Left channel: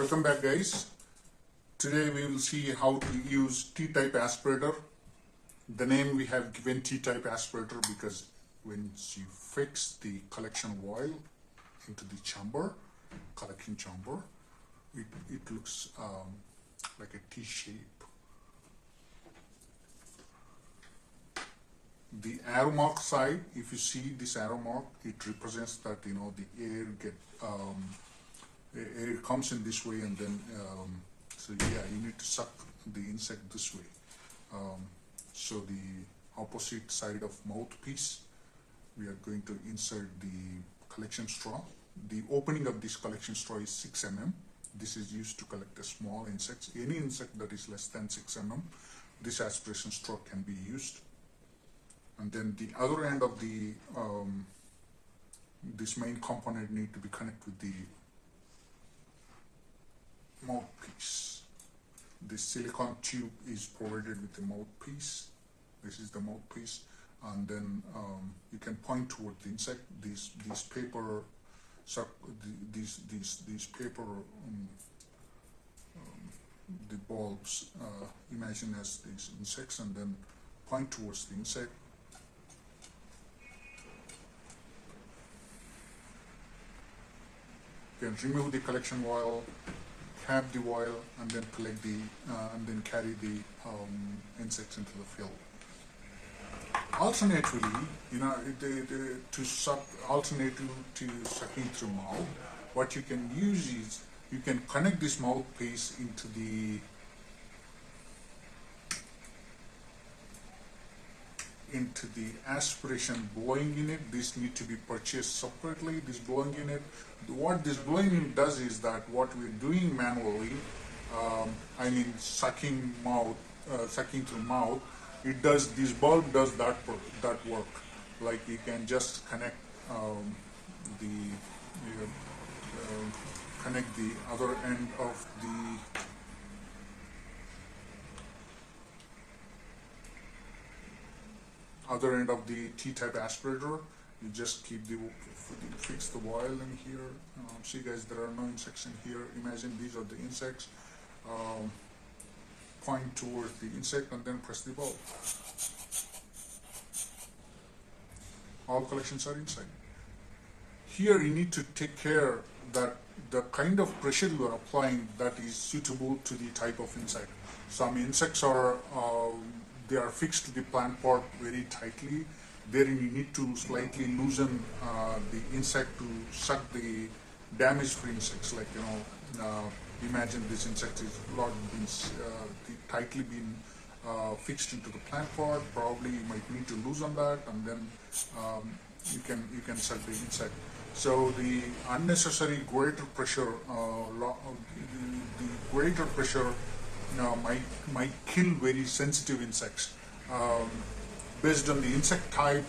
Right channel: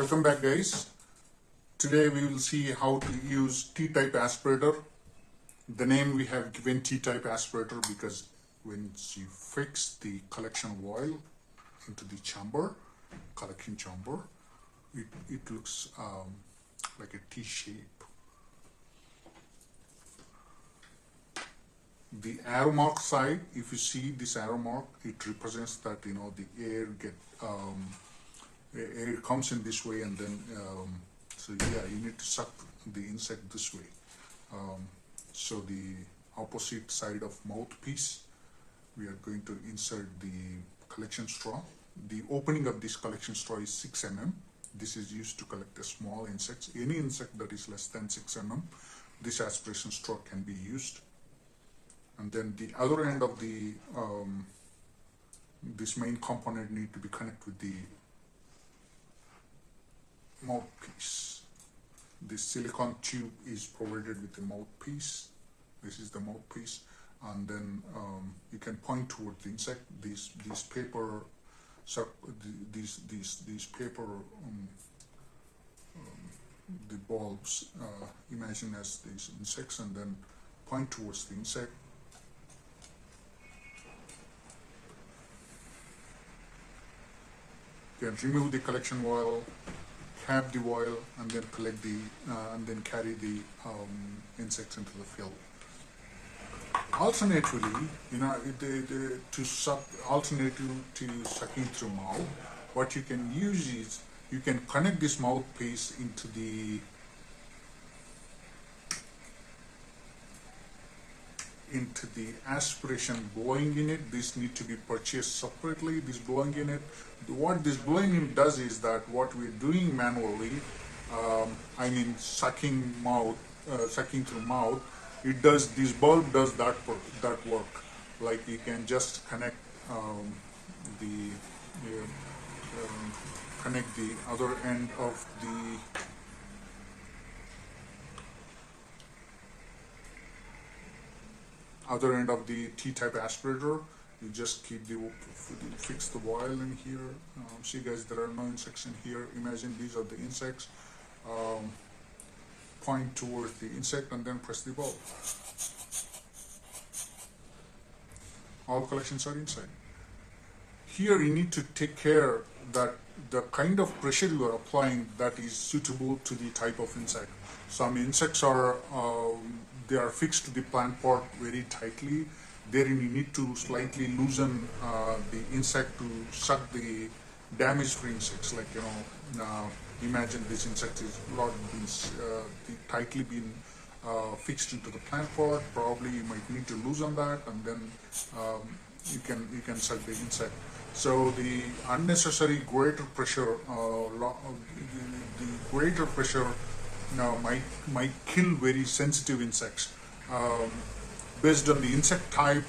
Welcome back, guys. Today we will see how to use T-type aspirator. The name we have given T-type aspirator because when you fix the collection oil into the chamber, collection chamber, it looks like a T shape. The arrow mark side, if you see this arrow mark, it represents that the air air comes in this way, and then so yeah, you need to suck the insect this way. So the opposite side of mouthpiece, we are going to insert the collection straw. The opening of this collection straw is 6 mm. This is used to collect the small insects. Any insect that is less than 6 mm, this aspiration straw can be used. And then the other end of the this main component need to be connected with the mouthpiece. This silicone tube is provided with the mouthpiece. This is the mouthpiece, and then you can point toward the insect. These paper, these paper, the bulbs. Imagine as these insects, and then point towards the insect. You can remove the collection oil, cap the oil, and then collect the and then carry the insects into the field. Alternatively, to suck, alternative to sucking through mouth, what you can use is you can connect this mouthpiece into the aspiration blowing unit. This need to be purchased separately. This blowing unit, what this blowing unit does is that what we're doing manually, sucking through mouth, it does, this bulb does that work. Like you can just connect connect the other end of the T-type aspirator. You just keep fix the oil in here. See guys, there are no insects in here. Imagine these are the insects. Point towards the insect and then press the bulb. All collections are inside. Here you need to take care that the kind of pressure you are applying that is suitable to the type of insect. Some insects are they are fixed to the plant pot very tightly. There you need to slightly loosen the insect to suck the damage-free insects. Like imagine this insect is not been tightly been fixed into the plant pot. Probably you might need to loosen that, and then you can suck the insect. So the unnecessary greater pressure, the greater pressure might kill very sensitive insects. Based on the insect type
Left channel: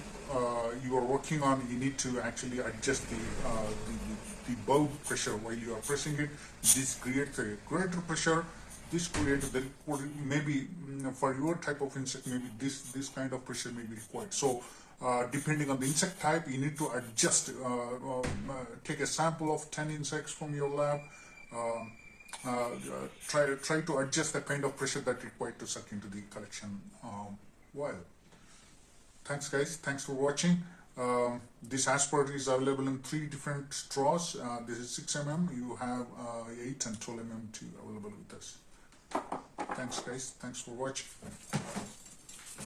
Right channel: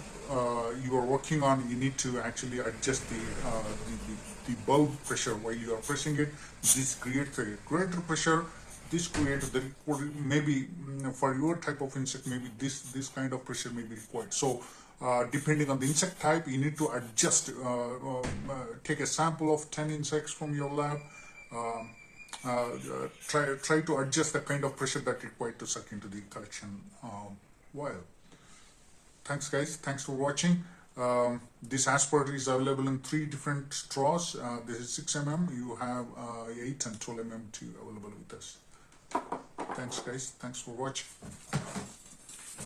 you are working on, you need to actually adjust the bulb pressure while you are pressing it. This creates a greater pressure. This creates maybe for your type of insect, maybe this kind of pressure may be required. So depending on the insect type, you need to adjust. Take a sample of 10 insects from your lab. Try to adjust the kind of pressure that required to suck into the collection oil. Thanks guys, thanks for watching. This aspirator is available in 3 different straws. This is 6 mm, you have 8 and 12 mm available with us. Thanks guys, thanks for watching.